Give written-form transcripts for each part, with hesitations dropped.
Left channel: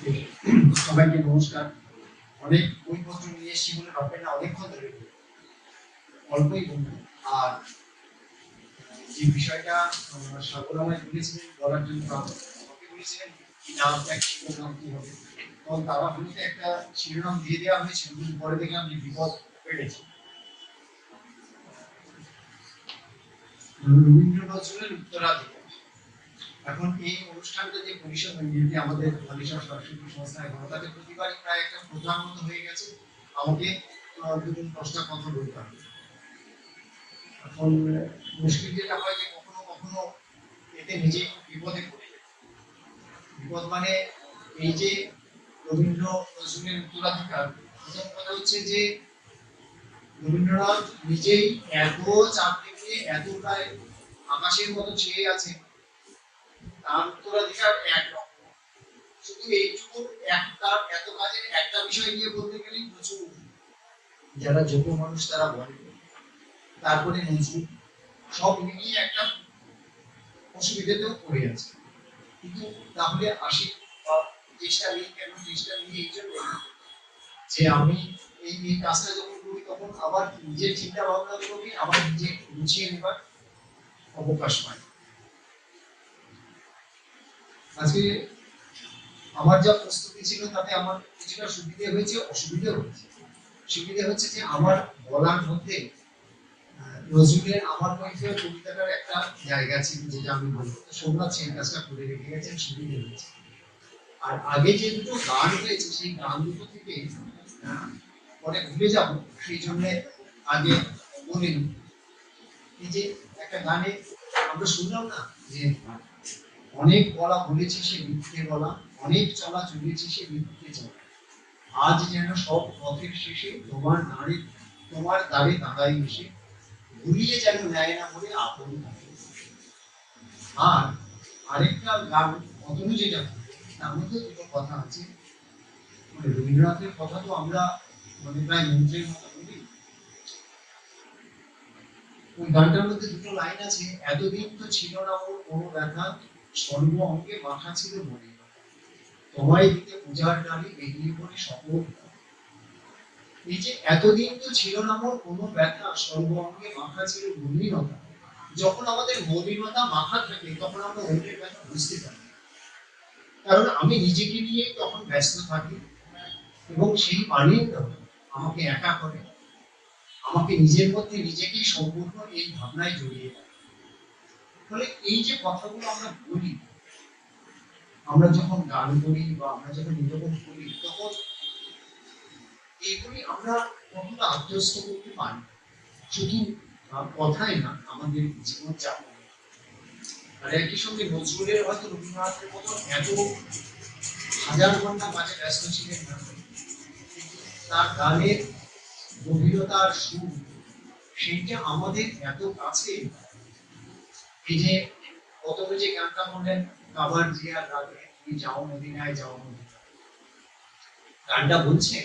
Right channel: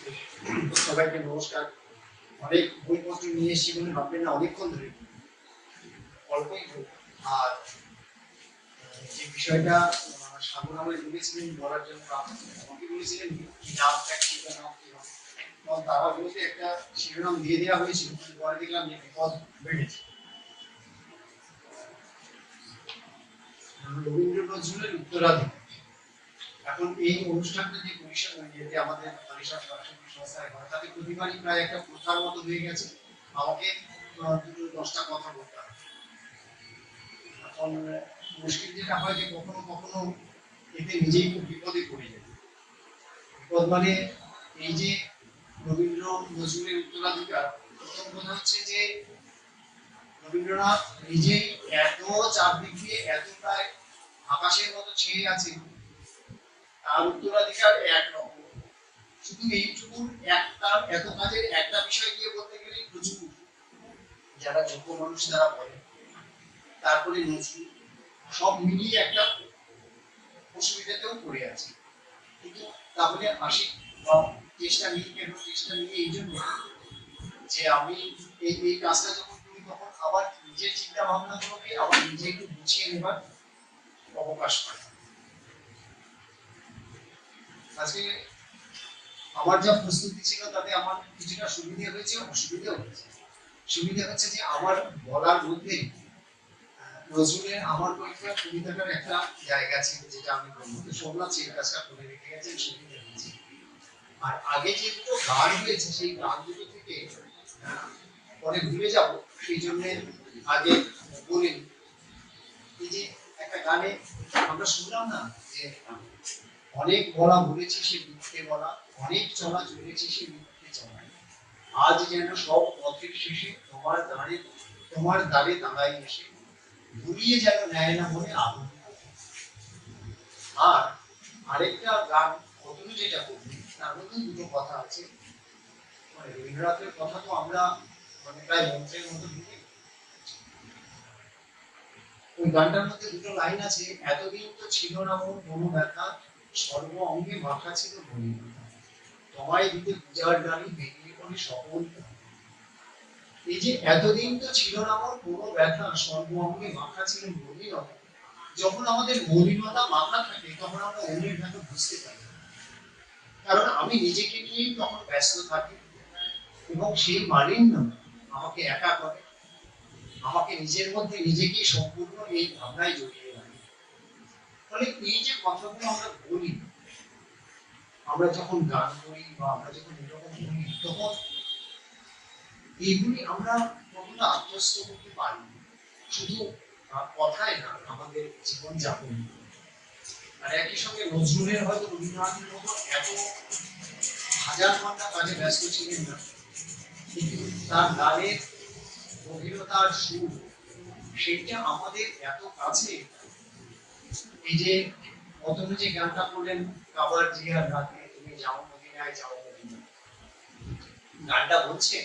সবাইকে নমস্কার। অনেক বইপত্র নিয়ে এসেছি বলে ভাববেন না অনেকক্ষণ ধরে অল্পই বলবো। আর যে বিষয়টা সাগর আমায় বলেছিলেন বলার জন্য আমাকে বলেছিলেন কি নাম এক শিরোনাম কি হবে, তখন তারা বলতে একটা শিরোনাম দিয়ে দেওয়া হয়েছিল, কিন্তু পরে দেখলাম যে বিপদ বেড়েছে। রবীন্দ্র নজরুলের উত্তরাধিকার। এখন এই অনুষ্ঠানটা যে পরিষদ আমাদের হালিশহর সাংস্কৃতিক সংস্থায় হয়, তাতে প্রতিবারই প্রায় একটা প্রথার মতো হয়ে গেছে আমাকে দুটো 10টা কথা বলতে হবে। এখন মুশকিল যেটা হয় যে কখনো কখনো এতে নিজেই খুব বিপদে পড়ে যায়। বিপদ মানে এই যে রবীন্দ্র নজরুলের উত্তরাধিকার, প্রথম কথা হচ্ছে যে রবীন্দ্রনাথ নিজেই এত চারদিকে এত প্রায় আকাশের মতো ছেয়ে আছে, তার উত্তরাধিকার একরকম। শুধু এইটুকু একটা এত কাজের একটা বিষয় নিয়ে বলতে গেলেই প্রচুর, যারা যোগ্য মানুষ তারা বলে। তারপরে নজরুল, সব মিলিয়ে একটা অসুবিধাতেও পড়ে আছে। কিন্তু তাহলে আসি চেষ্টা নিয়ে, কেন চেষ্টা নিয়ে এই জন্য যে আমি এই কাজটা যখন করি তখন আবার নিজের চিন্তা ভাবনা গুলোকে আবার নিজে একটু গুছিয়ে নেবার অবকাশ পাই। আজকে আমার যা প্রস্তুতি ছিল তাতে আমার কিছুটা সুবিধে হয়েছে, অসুবিধা হয়েছে। সুবিধা হচ্ছে যে আমার বলার মধ্যে নজরুলের আমার কৈফিয়ত কবিতাটার একটা জায়গা ছিল যেটা আমি বলবো, তো সোমনাথ সেই কাজটা করে রেখে গেছেন, সুবিধা হয়েছে। আর আগে যে দুটো গান হয়েছে সেই গান দুটো থেকে পরে ভুলে যাব, সেই জন্য আগে বলিনি। এই যে একটা গানে আমরা শুনলাম না যে অনেক বলা বলেছি সে মিথ্যে বলা, অনেক চলা চলেছি সে মিথ্যে চলা, আজ যেন সব পথের শেষে তোমার দ্বারে দাঁড়াই এসে ঘুরিয়ে যেন নেয় না বলে আপন থাকে। আর আরেকটা গান অতনু যেটা করবে তার মধ্যে দুটো কথা আছে, মানে রবীন্দ্রনাথের কথা তো আমরা মানে প্রায় মন্ত্রের মতো বলি। ওই গানটার মধ্যে দুটো লাইন আছে, এতদিন তো ছিল না ওর কোনো ব্যথা, সর্ব অঙ্গে মাথা ছিল বলি মাথা, তোমায় দিতে পূজার ডালি বেরিয়ে পড়ে সকল। এই যে এতদিন তো ছিল না ওর কোনো ব্যথা, সর্ব অঙ্গে মাথা ছিল মলিনতা। যখন আমাদের মলিনতা মাথা থাকে তখন আমরা অন্যের ব্যথা বুঝতে পারি, কারণ আমি নিজেকে নিয়েই তখন ব্যস্ত থাকি এবং সেই মালিন্য আমাকে একা করে, আমাকে নিজের মধ্যে নিজেকেই সম্পূর্ণ এই ভাবনায় জড়িয়ে রাখে। ফলে এই যে কথাগুলো আমরা বলি, আমরা যখন গান করি বা আমরা যখন এরকম বলি, তখন এইগুলি আমরা কতটা আত্মস্থ করতে পারি, শুধু কথাই না, আমাদের জীবন যাপন। আর একই সঙ্গে নজরুলের হয়তো রবীন্দ্রনাথের মতো এত হাজার ঘন্টা কাজে ব্যস্ত ছিলেন না, কিন্তু তার গানের গভীরতার সুর সেইটা আমাদের এত কাছে। এই যে অতনু যে গানটা করলেন, কাবার জিয়ার রাতে তুমি যাও মদিনায় যাও মদিনায়, গানটা বলছেন,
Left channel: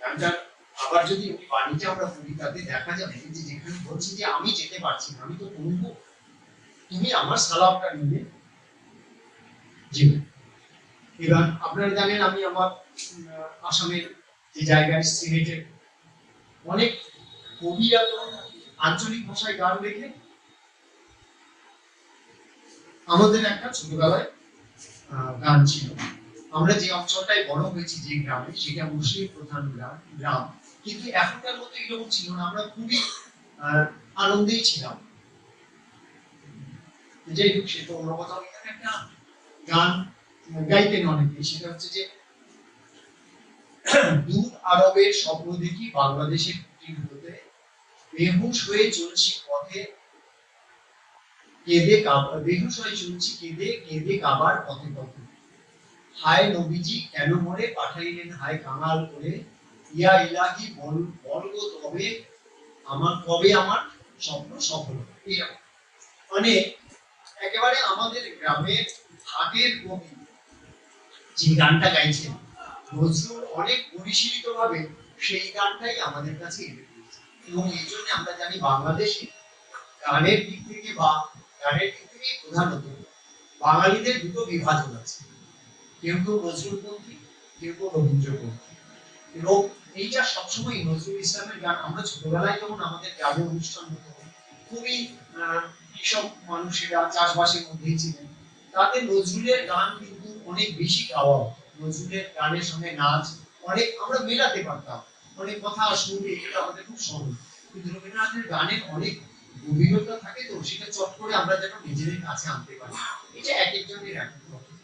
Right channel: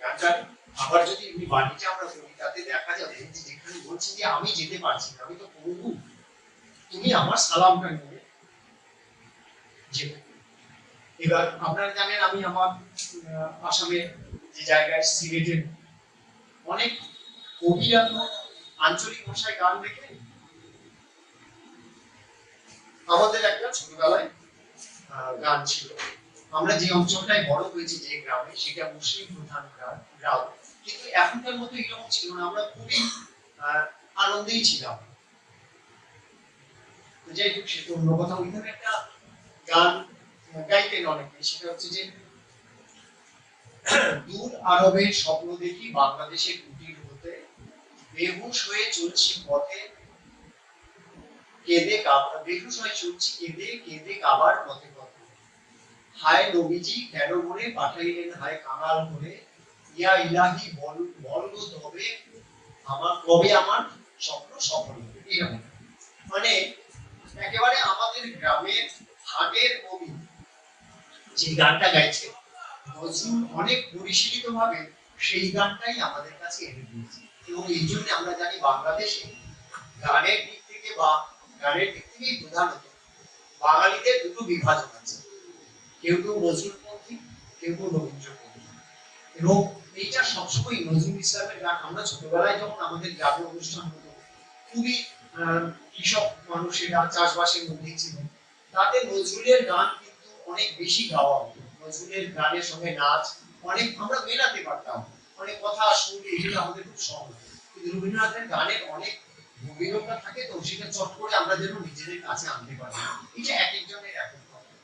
গানটার আবার যদি এমনি বাণীটা আমরা পড়ি তাতে দেখা যাবে যে যেখানে বলছি যে আমি যেতে পারছি না, আমি তো পড়বো, তুমি আমার সালামটা নিয়ে যেও। এবার আপনারা জানেন আমি আমার আসামের যে জায়গায় সিলেটের অনেক কবিরা তো আঞ্চলিক ভাষায় গান লেখেন। আমাদের একটা ছোটবেলায় গান ছিল, আমরা যে অঞ্চলটায় বড় হয়েছি যে গ্রামে, সেটা মুসলিম প্রধান গ্রাম, কিন্তু এখনকার মতো এরকম ছিল না, আমরা খুবই আনন্দেই ছিলাম। যাই হোক, সে তো অন্য কথা। ওইখানে একটা গান গাইতেন অনেকে, সেটা হচ্ছে যে দূর আরবের স্বপ্ন দেখি বাংলাদেশের কুটির হতে, বেহুশ হয়ে চলছি পথে কেঁদে বেহুশ হয়ে চলছি কেঁদে কেঁদে কাবার পথে পথে, হায় নবীজি কেন মনে পাঠাইলেন হায় কাঙাল করে, ইয়া ইলাহি বল গো তবে আমার কবে আমার স্বপ্ন সফল হবে। এরকম মানে একেবারে আমাদের গ্রামের হাটের কবি যে গানটা গাইছেন, নজরুল অনেক পরিশীলিত ভাবে সেই গানটাই আমাদের কাছে এনে দিয়েছে। এবং এই জন্য আমরা জানি বাংলাদেশে গানের দিক থেকে বা গানের দিক থেকেই প্রধানত বাঙালিদের দুটো বিভাজন আছে, কেউ কেউ নজরুলপন্থী, কেউ কেউ রবীন্দ্রপন্থী। এবং এইটা সবসময় নজরুল ইসলামের গান, আমরা ছোটবেলায় যখন আমাদের গ্রামে অনুষ্ঠান হতো, খুবই কৃষক মানুষেরা চাষবাসের মধ্যেই ছিলেন, তাতে নজরুলের গান কিন্তু অনেক বেশি গাওয়া হতো। নজরুলের গানের সঙ্গে নাচ অনেক আমরা মেলাতে পারতাম, অনেক কথা সুর এগুলো আমাদের খুব সহজ। কিন্তু রবীন্দ্রনাথের গানের অনেক গভীরতা থাকে, তো সেটা চট করে আমরা যেন নিজেদের কাছে আনতে পারি। এটা এক একজনের এক এক রকম।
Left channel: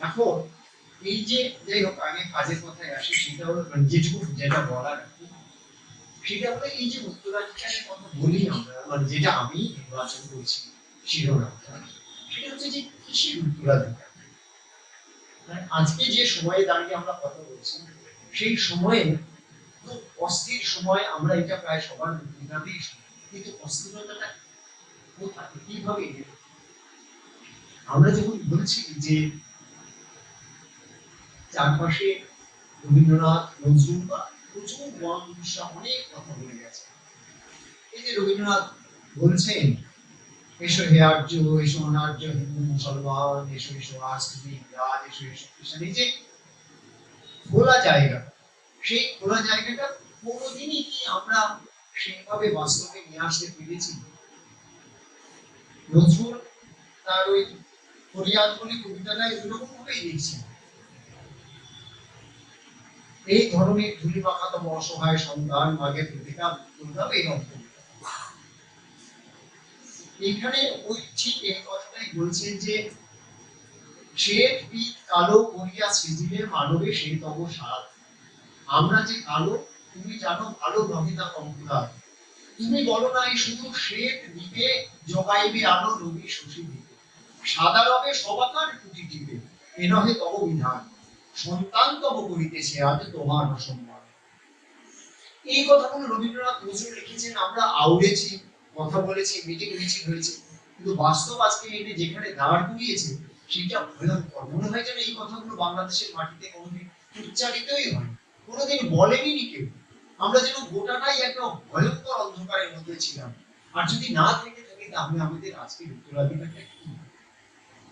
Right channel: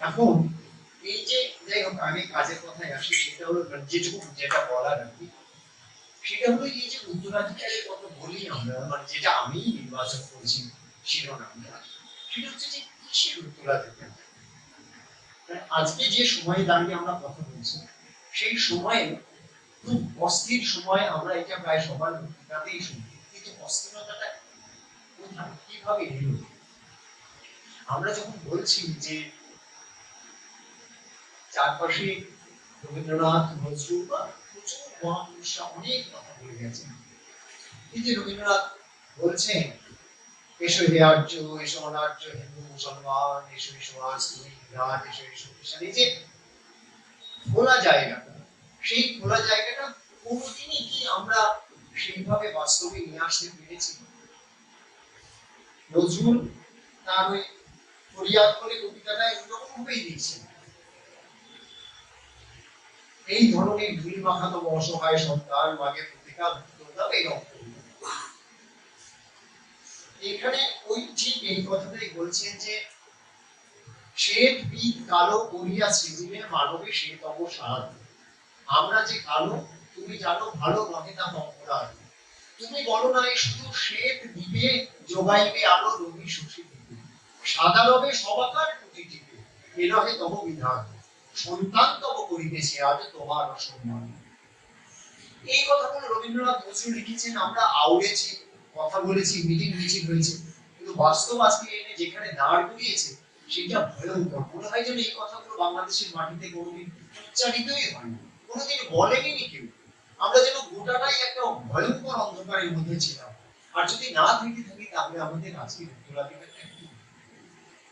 এখন এই যে যাই হোক, আগে কাজের কথায় আসি, সেটা হলো যেটুকু যেটা বলার আর কি, সেটা হলো এই যে উত্তরাধিকারের কথা বলি আমরা, মানে যেটা আমি নির্বাচন করেছি শিরোনামটা, সেটা হচ্ছে যে কিসের উত্তরাধিকার। আজকে যে সময়ে দাঁড়িয়ে আমরা কথা বলছি, সেই সময়ে খুব অস্থির সময়, আমরা এটা প্রায় সবার পত্রিকাতেই শুনি, কিন্তু অস্থিরতাটা কোথায়, কিভাবে এলো? আমরা যখন বলছি যে চারপাশে রবীন্দ্রনাথ, নজরুল বা প্রচুর মহাপুরুষরা অনেক কথা বলে গেছেন, এই যে রবীন্দ্রনাথ বলছেন, এসো হে আর্য, এসো অনার্য, হিন্দু মুসলমান, এসো এসো আজ তুমি রাজ, এসো এসো কৃষ্ণ, এই যে খোলা জায়গাটা, সেই খোলা জায়গাটা কোনোদিনই কি আমরা সেইভাবে বাস্তবে নিয়ে আসতে পেরেছি? নজরুল তার ওই ফরিয়াদ বলে কবিতাটা এরকম ভাবেই লিখছেন, এই ধরনের ধুলি মাখাতম অসহায় সন্তান মাগে প্রতিকার করতে, এই কবিতা। এখানে ওই ঠিক এই কথাটাই বলছেন যে শ্বেত পিত কালো করিয়া সৃজিলে মানবে সে তব সাধ। আমরা যে কালো, তুমি জানো ভালো নহে তা অপরাধ। তুমি বলো না এই শুধু শ্বেত দ্বীপে যোগাইবে আলো রবি শশী দ্বীপে, সাদা রবে সবাকার টুটি টিপে, এ নহে তব বিধান, সন্তান তব করিতেছে আজ তোমার অসম্মান। এই কথাগুলো রবীন্দ্রনাথ নজরুল লিখেছেন, আমরা আউড়েছি, কথা বলেছি, মিটিং মিছিল হয়েছে, কিন্তু বাস্তব আজকে এনে যেখানে দাঁড় করিয়েছে সেটা ভয়ঙ্কর। মনে হয় যেন এই কথাগুলো বাংলাদেশের মাটিতে কোনোদিন উচ্চারিতই হয়নি, কোনোদিন বলেনি কেউ। আমরা যেন গোটাটাই একটা ভয়ঙ্কর অন্ধকারের মধ্যে ছিলাম। আর যদি না থেকে থাকি, তাহলে আমাদের আজকের উত্তরাধিকারটা কি?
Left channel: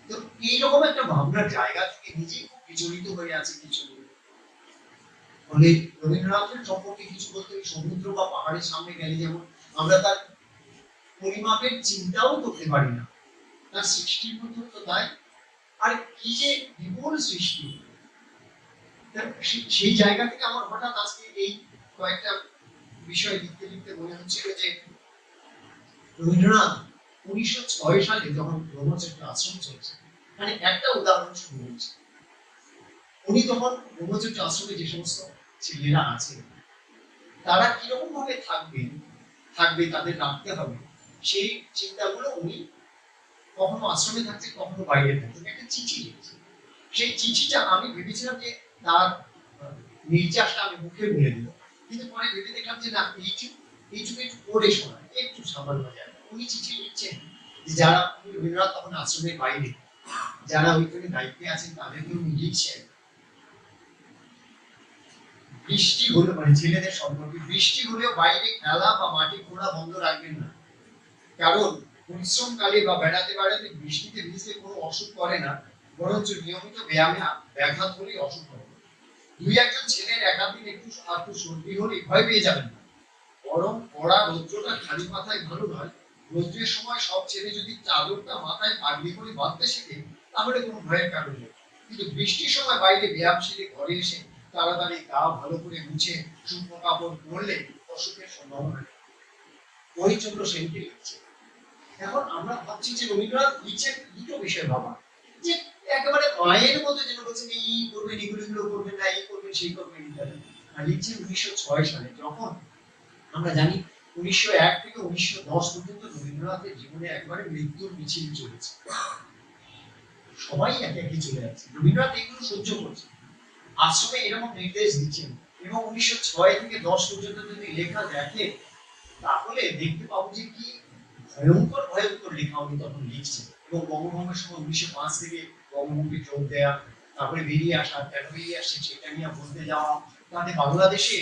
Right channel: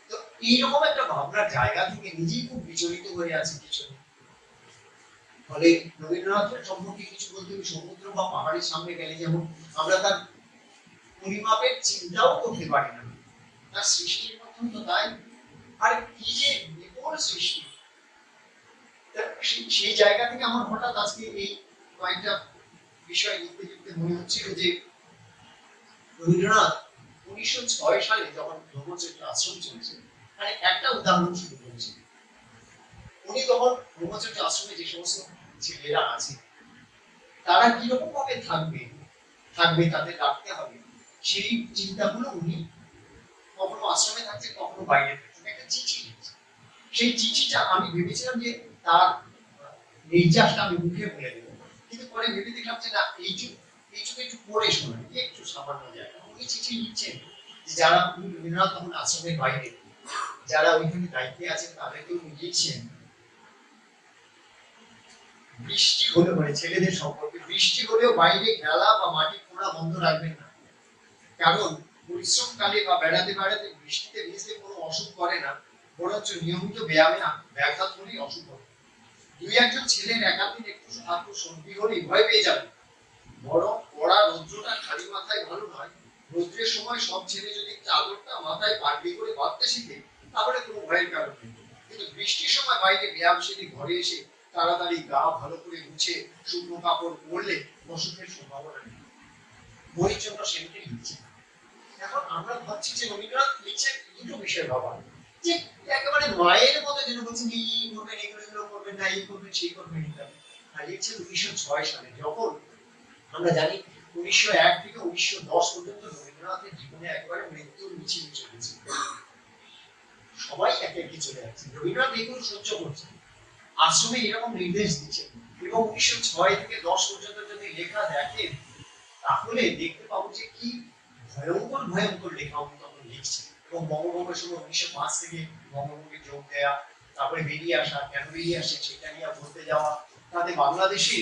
তো এইরকম একটা ভাবনার জায়গা থেকে নিজেই খুব বিচলিত হয়ে আছে কিছু। ফলে রবীন্দ্রনাথের সম্পর্কে কিছু বলতে, সমুদ্র বা পাহাড়ের সামনে গেলে যেমন আমরা তার পরিমাপের চিন্তাও করতে পারি না, তার সৃষ্টির মধ্যে তো তাই। আর কি যে বিপুল সৃষ্টি, সেই জায়গা থেকে আমার হঠাৎ আজকে এই কয়েকটা বিষয় লিখতে লিখতে মনে হচ্ছিল যে রবীন্দ্রনাথ 1906 সালে যখন ব্রহ্মচর্য আশ্রম চলছে, মানে একটা উদাহরণ শুরু হয়েছে, উনি তখন ব্রহ্মচর্য আশ্রমে যে সমস্ত ছেলেরা আছে, তারা কিরকম ভাবে থাকবে, তাদের রাখতে হবে, সেই চিন্তাগুলো উনি কখনো আশ্রমে থাকছে, কখনো বাইরে থাকছে, একটা চিঠি লিখছে। সেই চিঠিটা আমি ভেবেছিলাম যে তার নির্যাসটা আমি মুখে বলে দেবো, কিন্তু পরে ভেবে দেখলাম যে না, এইটুকু একটু পড়ে শোনায়, একটু সামান্য জায়গা। উনি চিঠি লিখছেন যে যারা, উনি রবীন্দ্রনাথ তখন আশ্রমের বাইরে, যারা ওইখানে দায়িত্বে আছেন তাদেরকে উনি লিখছেন, বৃষ্টি হলে, মানে ছেলেদের সম্পর্কে, বৃষ্টি হলেও বাইরে খেলা বা মাটি খোঁড়া বন্ধ রাখবেন না, কারণ পরিশ্রমকালে বা বেড়াতে বেড়াতে বৃষ্টিতে ভিজলে কোনো অসুখ করে না, বরঞ্চ নিয়মিত ব্যায়ামে ব্যাঘাত হলেই অসুখ হবে। দুই একজন ছেলের একাধিক একটু আধটু সর্দি হলেই ভয় পেয়ে যাবেন, বরং কড়া রৌদ্রটা খালি মাথায় ভালো নয়। রৌদ্রের সময় সব ছেলে যদি চাদরটা মাথায় পাগড়ি করে বাঁধতে শিখে, তাহলে কোনো ভয়ের কারণ নেই। কিন্তু বৃষ্টির সময় বাইরে ব্যায়াম সেরে ঘরে এসে তাড়াতাড়ি গা ভালো করে মুছে শুকনো কাপড় পরলে অসুখের সম্ভাবনা নেই। হরিচন্দ্র সেনকে লিখছে। এখন আমরা ভাবছি যে রবীন্দ্রনাথ লিখছেন দুটো বিষয় ভাবা, যে একেবারে মায়ের মতো যেন বলছেন এই করবেন, এগুলো করবেন না, এই করবেন সেই করবেন ইত্যাদি। আর লিখছেন 1906 সালে, যখন আমরা জানি 1901 থেকে 1910 পর্যন্ত রবীন্দ্রনাথের জীবনে একবারে মৃত্যুর মিছিল চলেছে, সবাই একে একে চলে যাচ্ছে, রবীন্দ্রনাথ এগুলো সহ্য করছেন, আশ্রমে এরকম নির্দেশ দিচ্ছেন। এবং 1906 থেকে 10 পর্যন্ত যদি লেখা দেখে, তাহলে দেখতে পাবো যে কি ভয়ঙ্কর ভয়ঙ্কর লেখা উনি তখন লিখছেন। এবং বঙ্গভঙ্গের সময় 1905 থেকে বঙ্গভঙ্গে যোগ দেয়া, তারপরে বেরিয়ে আসা, কেন বেরিয়ে আসে সেটা নিয়ে বলতে যাওয়া, তাতে বাংলাদেশে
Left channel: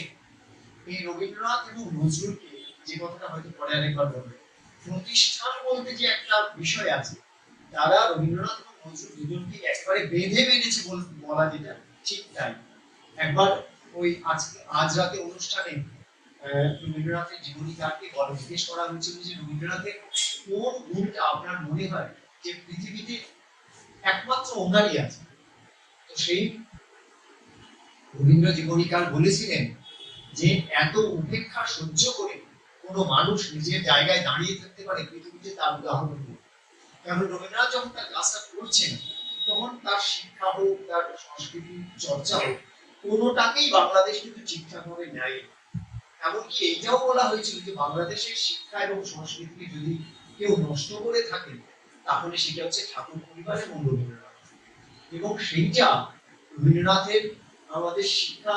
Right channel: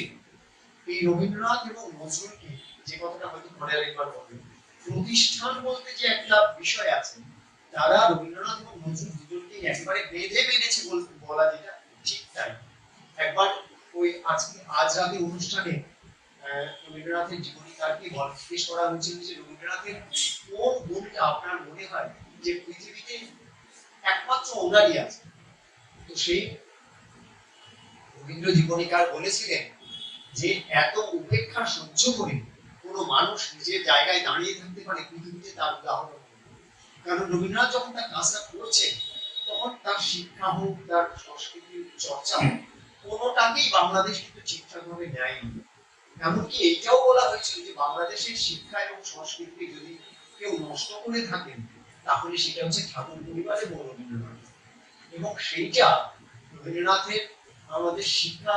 এই রবীন্দ্রনাথ এবং নজরুলকে, যে কথাটা হয়তো পরে আরেকবার বলবে, প্রতিষ্ঠান বলতে যে একটা বিষয় আছে, তারা রবীন্দ্রনাথ এবং নজরুল দুজনকে একেবারে বেঁধে বেঁধেছে বলা যেটা ঠিক তাই। একবার ওই আজ রাতে অনুষ্ঠানে রবীন্দ্রনাথের জীবনী কারকে জিজ্ঞেস করা হয়েছিল যে রবীন্দ্রনাথের কোন গুণটা আপনার মনে হয় যে পৃথিবীতে একমাত্র ওনারই আছে। তো সেই রবীন্দ্র জীবনীকার বলেছিলেন যে এত উপেক্ষা সহ্য করে কোনো মানুষ নিজের জায়গায় দাঁড়িয়ে থাকতে পারে পৃথিবীতে তার উদাহরণ নেই। কারণ রবীন্দ্রনাথ যখন তার কাজটা করছেন তখন তার শিক্ষা হোক, তার সংস্কৃতির চর্চা হোক, কোনোটাকেই বাংলাদেশ কিন্তু ঠিকঠাকভাবে নেয়নি। এমনকি এইটাও বলা হয়েছিল যে বাংলাদেশের শিক্ষা এবং সংস্কৃতিকে যদি কেউ নষ্ট করে থাকেন তাহলে সেটা হচ্ছে ঠাকুর পরিবার এবং রবীন্দ্রনাথ। এবং সেইটা রবীন্দ্রনাথের আমাদের শিক্ষা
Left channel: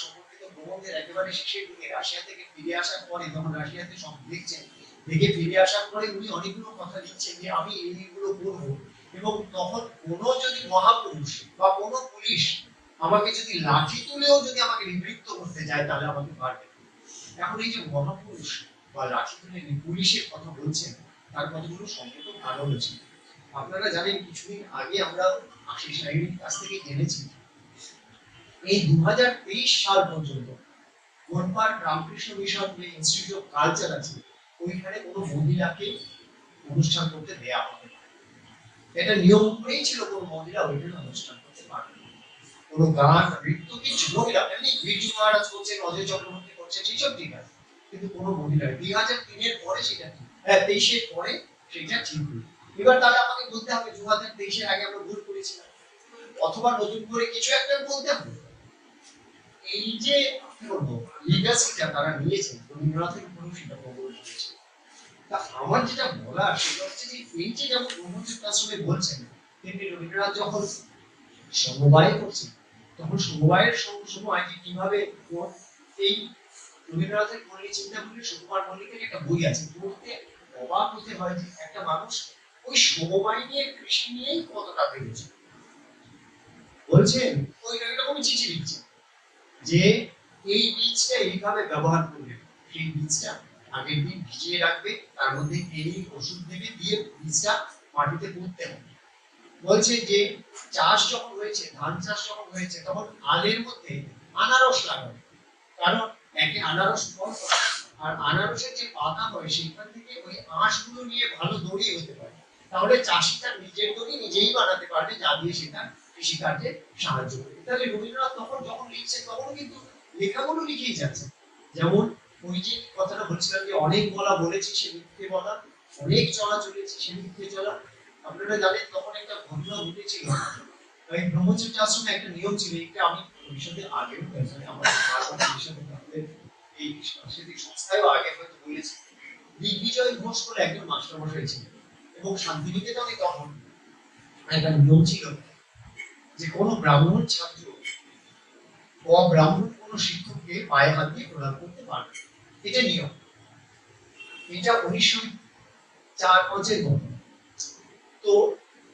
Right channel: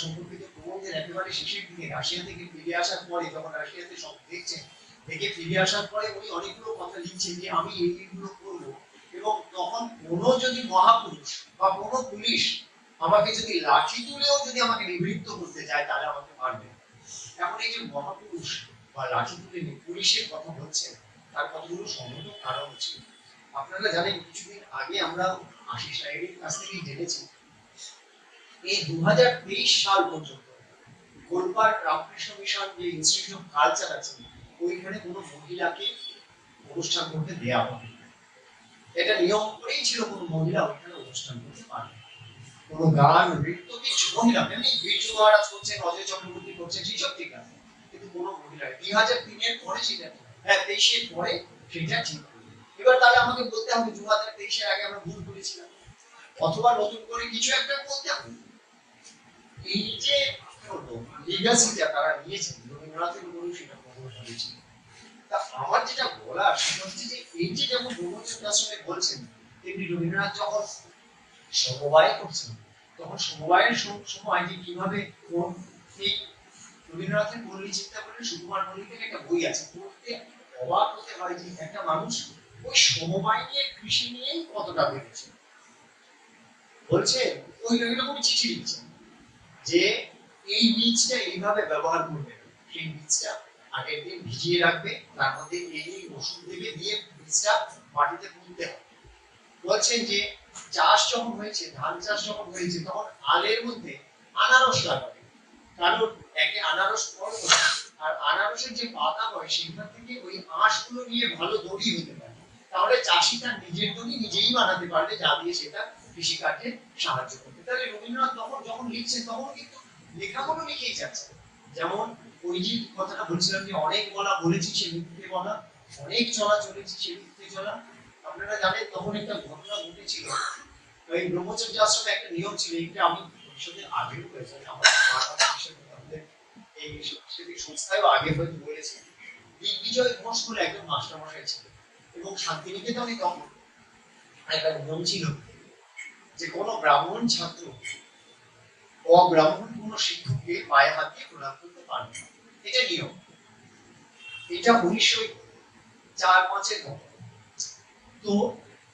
সম্পর্কিত প্রবন্ধের একেবারে শেষের দিকে রাশিয়া থেকে ফিরে আসার পরে, যখন রাশিয়াতে সব দেখছেন, দেখে ফিরে আসার পরে উনি অনেকগুলো কথা লিখছেন যে আমি এইগুলো করব, এবং তখন কোনো যদি মহাপুরুষ বা কোনো পুলিশ আমাকে যদি লাঠি তুলেও যদি আমাকে নিবৃত্ত করতে যায় তাহলে আমাকে পারবে। এখন এই যে মহাপুরুষ বা লাঠি তুলে পুলিশের কথা বলছেন, তার কতগুলো সঙ্গত কারণ আছে। আপনারা জানেন কিছুদিন আগে আমরা আশিস নাইডুর কাছ থেকে জেনেছি এই 2023 সাল পর্যন্ত গোলপার্ক রামকৃষ্ণ মিশন যে ইনস্টিটিউট অফ কালচার আছে ওইখানে কোনো মহিলাকে অনুষ্ঠান করতে দেয়া হবে না। এটা নিয়ম করেই ছিল কোনো মহিলা ওইখানে অনুষ্ঠান করতে পারবে না। কোনো গান নৃত্য কিছু মহিলা, এমনি বিরজু মহারাজ করছেন, অজয় চক্রবর্তী করছেন, সেসব ঠিক আছে, কিন্তু কোনো মহিলা 2003 এর পরে সেটা ঠিক, 23 এর পরে সেটা ঠিক হলো। এবার তাহলে আমাকে বলতে হবে 2023 এর আগে আমরা ভুল করেছিলাম, অথবা নতুন করে কিছু একটা বলতে হবে। এই যে কি বলবো লিগাসিটা তারা নিয়েছেন রবীন্দ্রনাথের উপরেও সেটা প্রবল হয়েছে। তা আমার যেটা বলার সেটা হচ্ছে যে এই যে যেমন ব্রহ্মচর্য আশ্রমে বলছেন, তেমনি রবীন্দ্রনাথ যখন সমবায় করছেন তখন সমবায়ের সময় যে কিভাবে এই রবীন্দ্রনাথের পল্লী চিন্তা করলে সুকুমার মল্লিকের একটা বই আছে, পড়তে অবাক হতে হয় যে একটা মানুষ ওই সমবায় নিয়ে কৃষি নিয়েই কতটা ভেবেছে। বলছেন ওই রকমই চিঠি লিখছেন যে এই বীজটা এইভাবে ব্যবহার করবে, সেই বীজটা আগের দিন ভিজিয়ে রাখবে, তার মধ্যে এই ওষুধ দেবে, দিয়ে বীজটা মাটিতে পুঁততে হবে। বলছেন যে চাষ যখন হয়েছে, ধান চাষ যখন হয়েছে, তখন আলের মধ্যে আনারস লাগাবে, কারণ একে আনারস ফল আর আনারসের যে পাতা হয় সেইখান থেকে ওই আঁশগুলো নিয়ে ভালো দড়ি হতে পারে, তাহলে চাষি তার নিজের দড়ি নিজেই বানাতে পারবে, যা দিয়ে সেটা কৃষিকার্যে সাহায্য করবে। তাহলে রবীন্দ্রনাথ তখন যখন লিখছেন তখন কিন্তু লেখাগুলো লিখেই যাচ্ছেন। যেমন ওই যে কথাটা বলছিলাম যে অনেক বলা বলেছি সে মিথ্যে বলা, অনেক চলা চলেছি সে মিথ্যে চলা। আপনারা জানেন তখন একটা ঘটনা ঘটেছিল, ওই ব্রহ্মচর্য আশ্রমে একটা নিয়ম ছিল, এটা আমি ভবিষ্যতে আগেও হয়েছে, আমাদের আমাদের এই সাংস্কৃতিক সংস্থায়ও আগে হয়তো বলেছে। দিগ্বিজয় ঘোষ বলে একজন মাস্টারমশাই ছিলেন, এবং শান্তিনিকেতনে তখন একটা নিয়ম ছিল যে কোনো ব্রাহ্মণ ছাত্র অব্রাহ্মণ কোনো শিক্ষককে পায়ে হাত দিয়ে প্রণাম করতে পারবে না, এটা নিয়ম। এটা 1904-05 ঘটনা। তো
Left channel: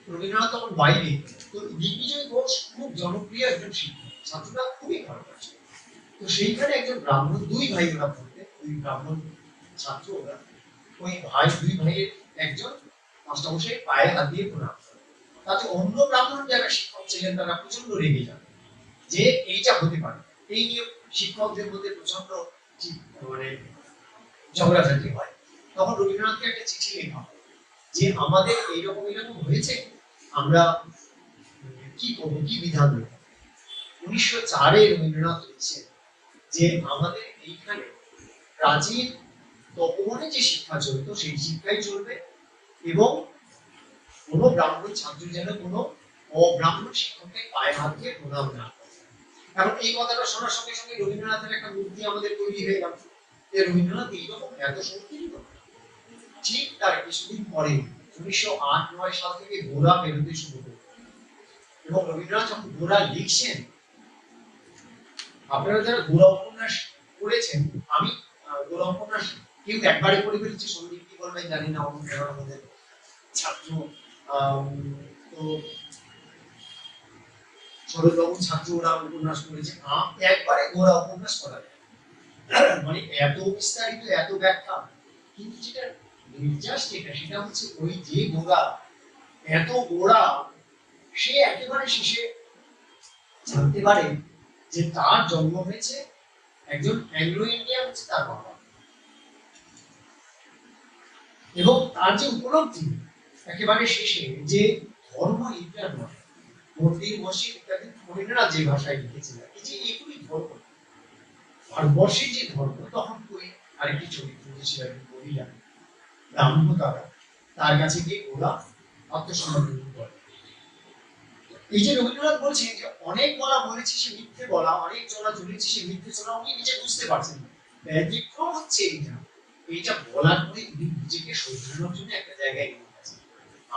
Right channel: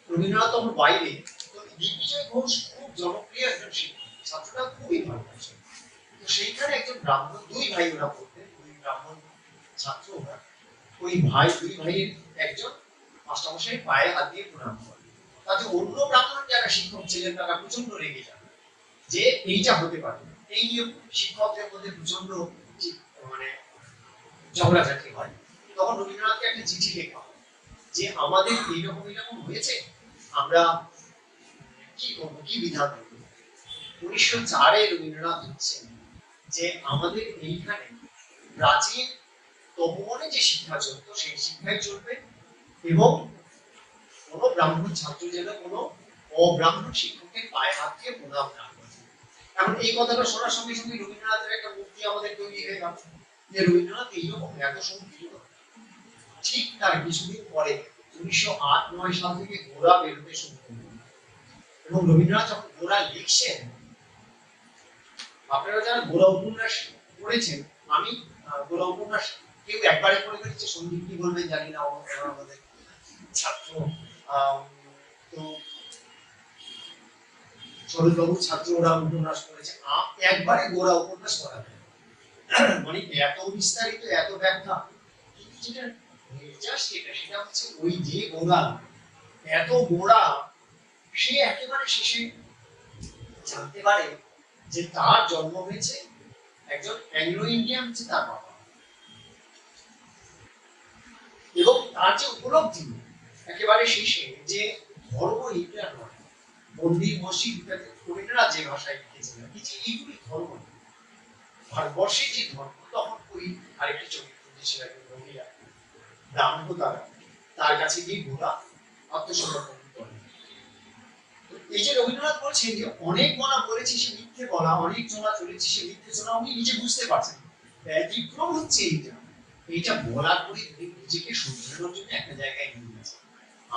রবীন্দ্রনাথ তখন বাইরে, তো দিগ্বিজয় ঘোষ খুব জনপ্রিয় একজন শিক্ষক, ছাত্ররা খুবই ভালোবাসে। তো সেইখানে একজন ব্রাহ্মণ, দুই ভাই ওরা পড়তেন, ওই ব্রাহ্মণ ছাত্র ওরা, ওই ভাই দুই ভাইয়ের একজন মাস্টারমশাই পায়ে হাত দিয়ে প্রণাম করে। তাতে অন্য ব্রাহ্মণ যারা শিক্ষক ছিলেন তারা প্রচন্ড রেগে যান যে এইটা হতে পারে, এই নিয়ে শিক্ষকদের মধ্যে প্রচন্ড মানে ঝগড়াঝাটি হয়। তখন রবীন্দ্রনাথকে একটা চিঠি লেখা হয় যে আমাদের এইরকম এরকম হয়েছে, আমরা কি করবো, কি বিধান দেব। 1904-এ রবীন্দ্রনাথ লিখছেন যে আমাদের এইখানে প্রাচীন তপবনে যে শিক্ষা চলতো সেই শিক্ষাই চলবে, এবং কোনো ব্রাহ্মণ ছাত্র যেন কোনো অব্রাহ্মণ শিক্ষককে পায়ে হাত দিয়ে প্রণাম না করে। এখন এই কথাটা শোনার সঙ্গে সঙ্গে রবীন্দ্রনাথের একটা মূর্তি আমাদের তৈরি হয়ে গেল যে রবীন্দ্রনাথ এইরকম এত সংকীর্ণ। ঠিক তার কিছুদিন পরে 1908-09 সাল থেকে গোরা বেরোতে শুরু করল, এবং রবীন্দ্রনাথ যখন গোরা লিখছেন, আপনারা যারা গোরা উপন্যাস পড়েছেন, আমি গোরা উপন্যাস কেউ একবারে পড়ে ফেলেছে, সন্দীপ কি বলবেন জানি না, আমাদের ছাত্র তো সরোজবাবুর ছাত্র ওরা উপন্যাস পড়েছে, একবারে গোরা উপন্যাস পড়া যায় মানে এত বিস্তারিত, এত ব্যাখ্যা। কিন্তু যেটা নির্যাস যেটা সেটা হচ্ছে ওই যে গোরা, এত গোড়া সে একেবারে শেষে জানতে পারে যে তার জন্ম হয়েছে একজন অ্যাংলো ইন্ডিয়ান, হচ্ছে তার বাবা, এবং তার যে উপলব্ধি একেবারে শেষে যে ধর্ম এইটা নয়, মন্দির মসজিদ ইত্যাদি ফরিদরা যে ভাষায় লিখেছিলেন যে এইগুলি ধর্ম, ভারতবর্ষের যে ধর্ম, তখন কই আরেকটি চরিত্র ছিলেন মহিলা ব্রাহ্মতারা, তার কাছে গিয়ে গোরা আত্মসমর্পণ করে। এই যে রবীন্দ্রনাথ বলছেন যে অনেক বলা বলেছি সে মিথ্যে বলা, অনেক চলা চলেছি সে মিথ্যে চলা, উনি নিজে বুঝতে পারছেন। ব্যতিক্রম হচ্ছে এইটা বলার পরে উনি নিজেকে শোধরানোর জন্য একটা জায়গায় নিয়ে গেছেন।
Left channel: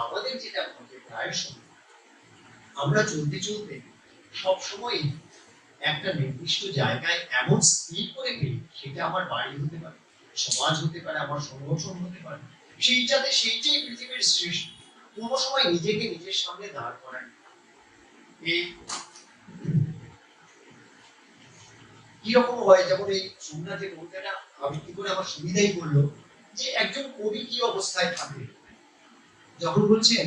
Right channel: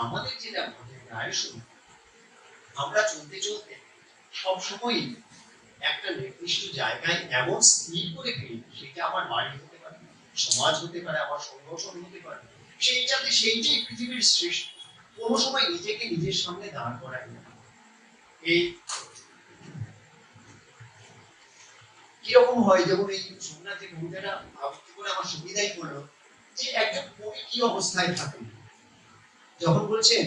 আমাদের যেটা ঘটে প্রায়শই, আমরা চলতে চলতে সবসময় একটা নির্দিষ্ট জায়গায় এমন স্থির করে ফেলি, সেটা আমার বাড়ি হতে পারে, সমাজ হতে পারে, আমার সংগঠন হতে পারে, সেইটাই পৃথিবীর সৃষ্টি। কোনো সময় নিজেকে নিজের সামনে দাঁড় করাই না। এই কিরকম হয়, যেমন এই সোমনাথের কবিতাটা আবৃত্তি করে আমার সুবিধাই করলো যে একজন কবি কি অবস্থায় থাকে, যখন বলছেন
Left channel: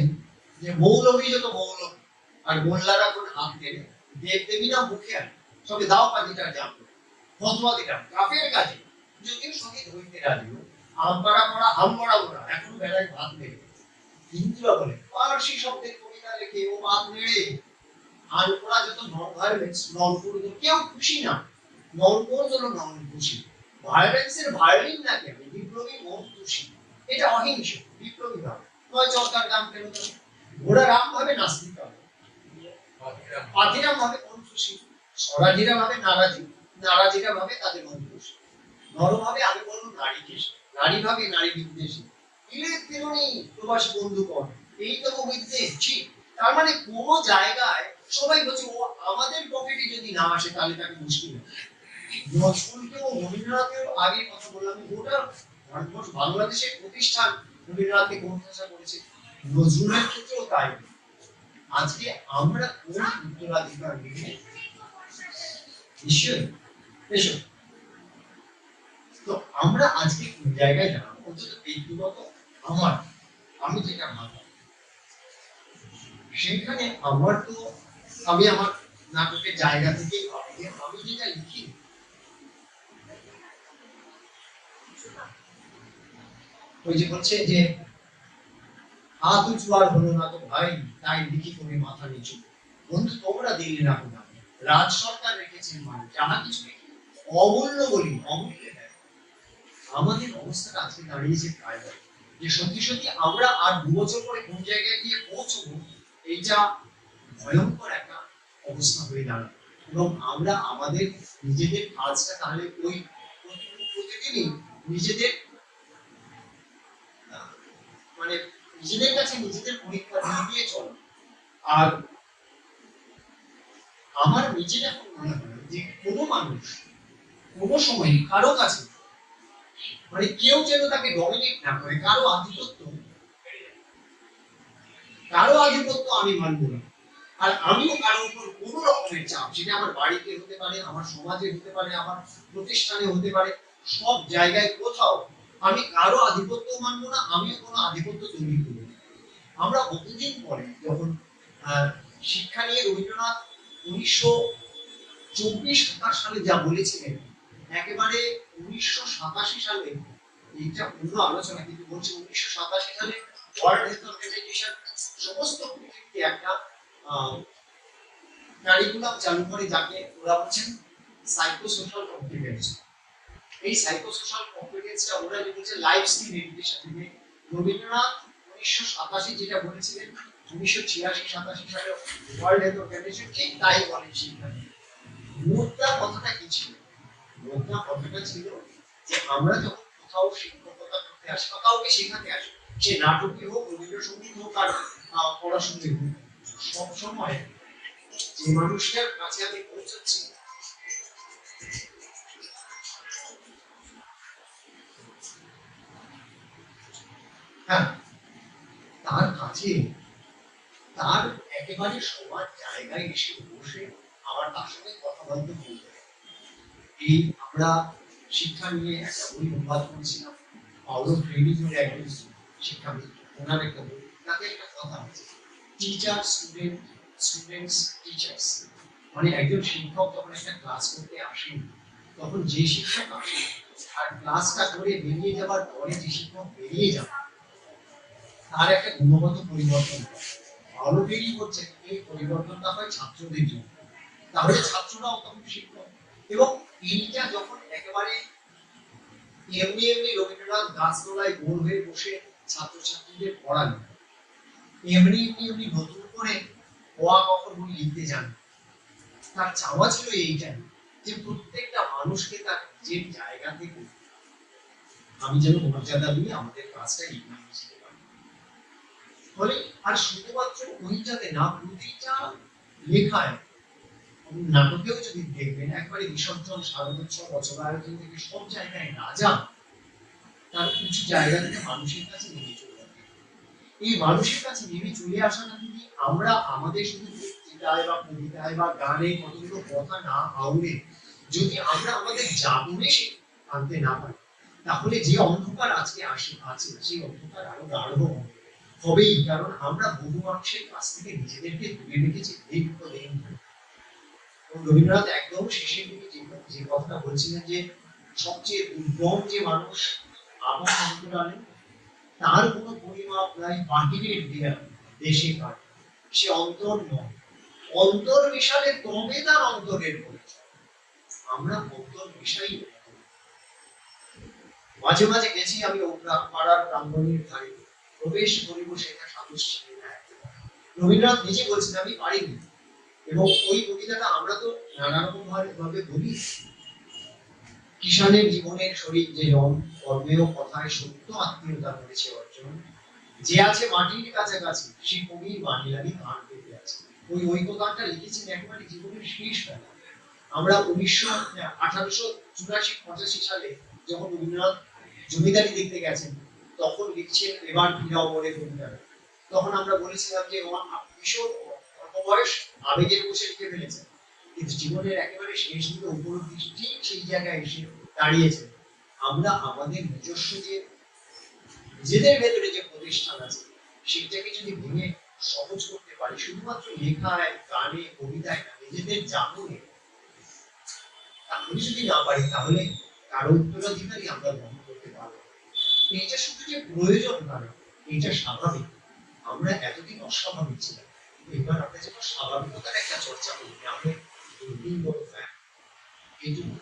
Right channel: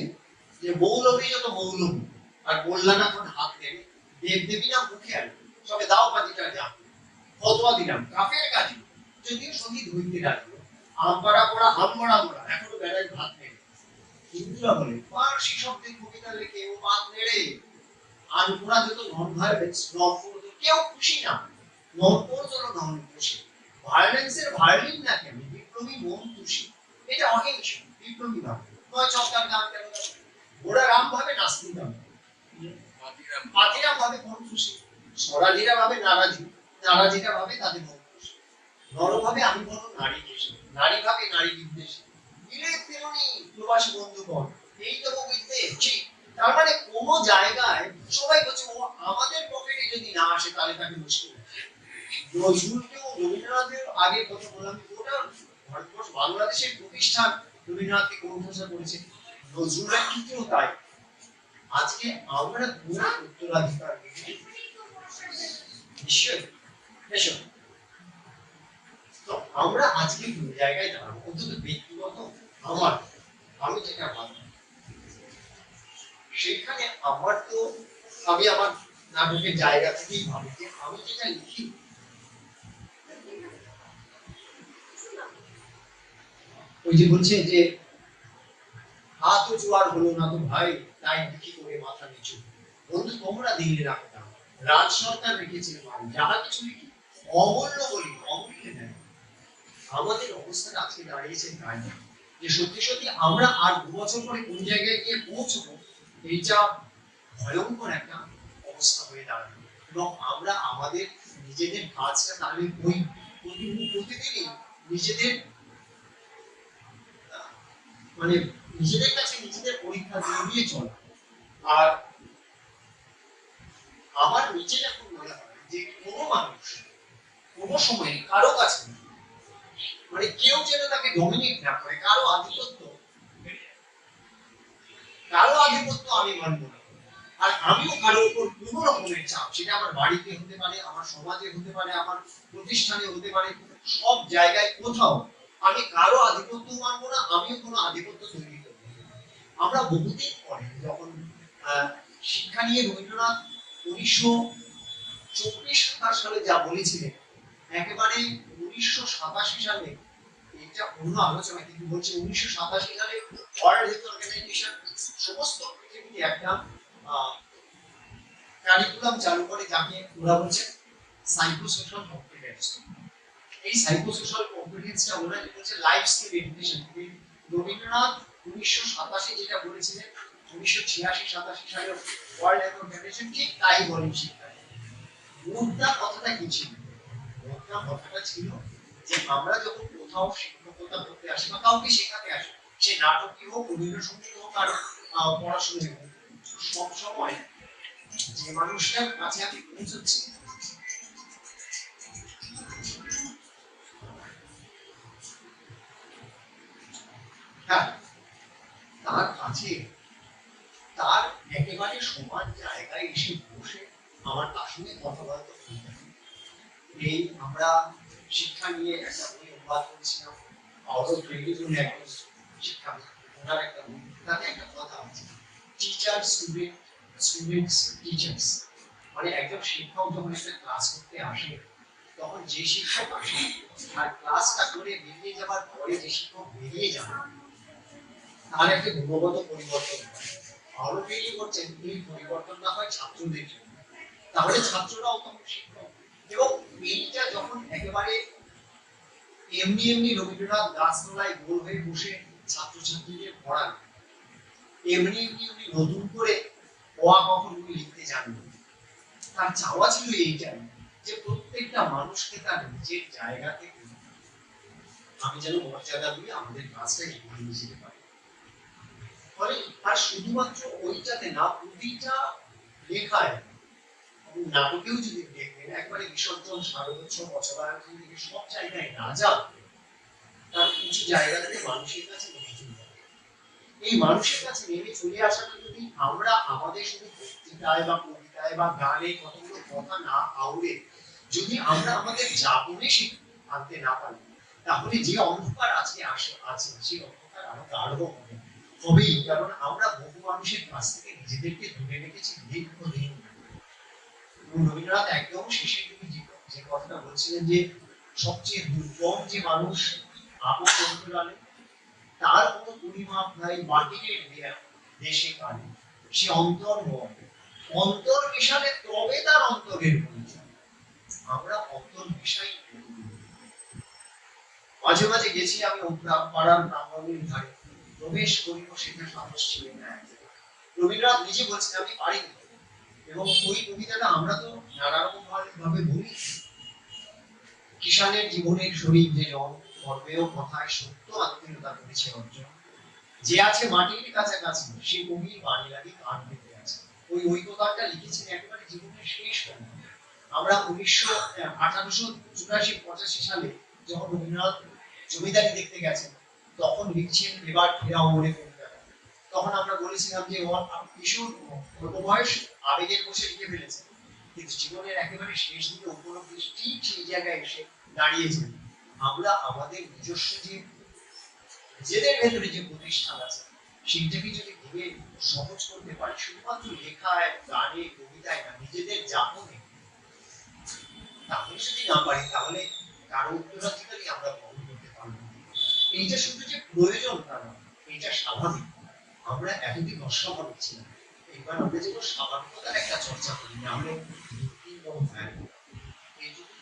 যে মৌলবী যত মৌলবী আর মোল্লারা কোন হাত নেড়ে, দেব দেবীরা মুখে আনে, সবে দাও পাজিটা জাপ ফতোয়া দিলাম কাফের কাজে, যদিও শহীদ হইতে রাজি, আমপাড়া পড়া হামপাড়া মোড়া এখনো বেড়ায় ভাত নেড়ে। হিন্দুরা বলে পার্সি শব্দের কবিতা লেখে ও ভাত নেড়ে, আর ওরা যত নন ভায়োলেন্স, নন পুরুষ কেউ খুশি না, নন পুরুষ হলো নন খুশি, ভায়োলেন্সের ভায়োলিন না কেন, বিপ্লবী মন খুশি, এটা অহিংস বিপ্লবী ভাব নয়। চরকার গান কেন ঘোড়া রাম ভাবে নাস্তিক, পাতিরাম ভাবে কোন খুশি, স্বরাজিরা ভাবে নারাজি, নারাজিরা ভাবে তাদের মন খুশি, নর ভাবে আমি বলো নারী কেশে, নারী ভাবে নারী বিদ্বেষী, বিলেত তেমনি প্রবাসী বন্ধুগণ, এই তো বিদ্বেষ। তার মানে কোন জায়গায় সবাই বলছে ও আমাদের পকেটে যদি না আসে তাহলে তাকে মুশকিল। নজরুলকেও রবীন্দ্রনাথের আগে কথা বললাম, গোটা ভারতবর্ষ বাংলাদেশের প্রতিষ্ঠান রবীন্দ্রনাথকে গ্রন্থসা করেছে, নজরুলের ক্ষেত্রেও তাই। আজকে আমরা কোন উত্তরাধিকার নিয়ে নিশ্চয়ই এসো, তো আমরা আজকে কোন জায়গায় দাঁড়াবো, অন্তত ব্যক্তিগত আমি যেটা ভাবলাম সেইখানে আমার তো, আমি আমার নাটকের জায়গা থেকেই ভাবি যে আমি যেটা লিখি ওই যে বলছে যে হাত উঁচু আর হলো না তো ভাই, তাই লিখি করে মাথা নিচু, বন্ধু তোমরা দিল্লি রাখো না, রাজ সরকার রেখেছে মান, যাহা কিছু লিখি অমূল্য বলি অমূল্যে নেয়। আমাদের অবস্থাটা আজকে দাঁড়িয়েছে তাই, যে সত্যি সত্যি আমরা আর 2 বছর পরে কোন জায়গায় গিয়ে পৌঁছবো, এইটা ভয়ঙ্কর একটা অবস্থা হয়ে দাঁড়াবে। এবং আমরা আমাদের নিজেদের কাজটা তাহলে ওই প্রতিদিনই নিজেদের মানে নিজেদের কাছে নিজেদের পরীক্ষা দিয়ে দিয়ে চলা। আর আমার নিজের এখন মনে হয় যে কোনো মানুষ কোনো সময় কারো কাছে মানে কেউ যেন তাকে ডমিনেট না করে, কারো আধিপত্য আমি মানব না। আর আমিও কারোর উপর কোন রকমের চাপ, সেটা আমার বাড়িতে হতে পারে, আমার সমাজে হতে পারে, আমার প্রতিষ্ঠানে হতে পারে, সব জায়গায় কোথাও আমি কারো আধিপত্য মানবো না, আমিও কোনো আধিপত্য তৈরি করবো না। আমরা বহুদিন পরে যখন শিক্ষা নিয়ে রবীন্দ্রনাথ 1924-27 সালে যা বলেছিলেন, একেবারে 1987 সালে, এটা অন্য আলোচনা কিন্তু বলছে 1987 সালে ওয়ার্ল্ড হেলথ অর্গানাইজেশন সমস্ত পৃথিবীতে একটা কারিকুলাম চালু করে, যাকে ওরা বলছেন সাইকোসোশ্যাল কম্পিটেন্স। এই সাইকোসোশ্যাল কম্পিটেন্সটা ওরা যে বলছে লাইফ স্কিল এডুকেশন থেকে, রবীন্দ্রনাথ 1987 যেটা বলেছিলেন 1986-87 সালে ওয়ার্ল্ড হেলথ অর্গানাইজেশন ঠিক তাই বলেন শিক্ষা। মুদ্রা কথাটা কি ছিল? মুদ্রা কথাটা ছিল যে আমরা যখন কোথাও শিক্ষকতা করতে আসি বা কাউকে শেখাতে আসি, সে নাটকই হোক, রবীন্দ্রসঙ্গীত হোক আর পড়াশোনাই হোক, সবসময় যে মানুষটার কাছে আমি পৌঁছচ্ছি হ্যাঁ তার কাছে, তার একেবারে সমান জায়গায় এসে বসে আমার তার সঙ্গে কথাবার্তা বলতে হবে। এই আমরা শিক্ষা নিয়ে একটা বই অনুবাদ করেছিলাম, পাওলো ফ্রেইলি বলে একজন শিক্ষাবিদ, ওনার একটা বই, তাতে একটা কথা আছে টিচার স্টুডেন্ট স্টুডেন্টস টিচার্স, মানে একজন শিক্ষক যখন একটা ক্লাস করতে আসেন, তখন যে শিক্ষক আসেন আর ক্লাসটা করে বেরিয়ে যাবার পরে যে শিক্ষক বেরিয়ে যান, তার একটা গুণগত পরিবর্তন হয়। আরো বেরিয়ে করছেন, এই পরিবর্তনটা হয় ছাত্রদের জন্য, তাহলে ছাত্ররাও তখন শিক্ষক। এবং এইটা যখন একেবারে এমনি এমনি রবীন্দ্রনাথ গাছতলায় গোল হয়ে বসে ছাত্রছাত্রীদের পড়ান, এমনি এমনি উনি নতুন করে অ আ ক খ গুলি লিখতে জানেন। তার চাওয়া ছিল এইটাই, যে প্রত্যেকটা মানুষকে তার নিজের জায়গা থেকে আমি যেন মর্যাদা দিয়ে আমাদের কাজটা এগিয়ে নিয়ে যেতে পারি। ফলে আর শুধুমাত্র ওইটাতে না, প্রতিটা লেখায়, নাটকেও যদি দেখবেন একবারে বিসর্জন, শারদোৎসব, বচনায়তন থেকে সব জায়গায় রাজা তার উঁচু জায়গা থেকে মানুষের কাছে নেমে চলে যাবে। এই মানুষের কাছে নেমে চলে আসাটা যদি আমরা আমাদের শুধু বক্তৃতায় বা কবিতায় বা গানে কতগুলো কথা না আউড়ে যদি আমরা আমাদের জাগরণে আনতে না পারি, তাহলে যে অন্ধকার আজকে আছে সেই অন্ধকার আরো গাঢ় হবে, হবেই। কারণ আমরা বহু মানুষের কাছ থেকে নিজেদেরকে দূরে রেখেছি দীর্ঘদিন। রবীন্দ্রনাথ একদম শেষের দিকে যে কথাটা বলছিলেন যে সবচেয়ে দুর্গম যে মানুষ আপন অন্তরালে, তার কোনো পরিমাপ নাই বাহিরের দেশে কানে, সে অন্তর নয়, অন্তর মিশালে তবে তার অন্তরের পরিচয়। আমরা অন্তর মিশাই মাঝে মাঝে গেছি আমি পাড়ার ব্রাহ্মণীর ধারে, প্রবেশ করিব সেটা সাহস ছিলেন না। রবীন্দ্রনাথ নিজে বলছেন আমি পারিনি। এবং ওই কবিতাটা আমরা তো নানা রকম ভাবে বলি, কিষানের জীবনের শরীর যে জন, কর্মেও কথায় সত্য আত্মীয়তা করেছে অর্জন, যে আছে মাটির কাছাকাছি সে কবির বাণী লাগি কান পেতে আছে। ওই কথাটা লিখেছেন একেবারে জীবনের শেষ বেলা। আমরা 1884-85 সালে যখন রবীন্দ্রনাথ জমিদারি দেখতে গেছেন, তখন লিখছেন এবার ফিরাও মনে কবিতাটা। তখন আমরা বলেছিলাম যে কিশোর অল্প বয়স আবেগের বসে লিখে ফেলেছেন, কিন্তু জীবনের একেবারে শেষ দিকে উপলব্ধি ঠিক সেই জায়গায় এসে দাঁড়িয়েছেন। আমরা আমাদের নিজস্ব যে নিজেদের ভেতরে যে প্রতিষ্ঠান আছে সেইটাকে যদি ভেঙে সহজ করতে পারি, শুধুমাত্র লেখায়, গানে, কবিতায় না, নিজেদের জাগরণে, তাহলে যদি না পারি, তাহলে কারো উত্তরাধিকারী আমরা গ্রহণ করতে পারবো না। এইটা শুধু যে প্রয়োজন তা না, এইটা স্বাভাবিক। আমরা এতদিন অস্বাভাবিক ছিলাম, এবার আমরা যেন স্বাভাবিকতার একটা চর্চা করি, না আমরা দুর্দিন ফ্যান এইটুকু।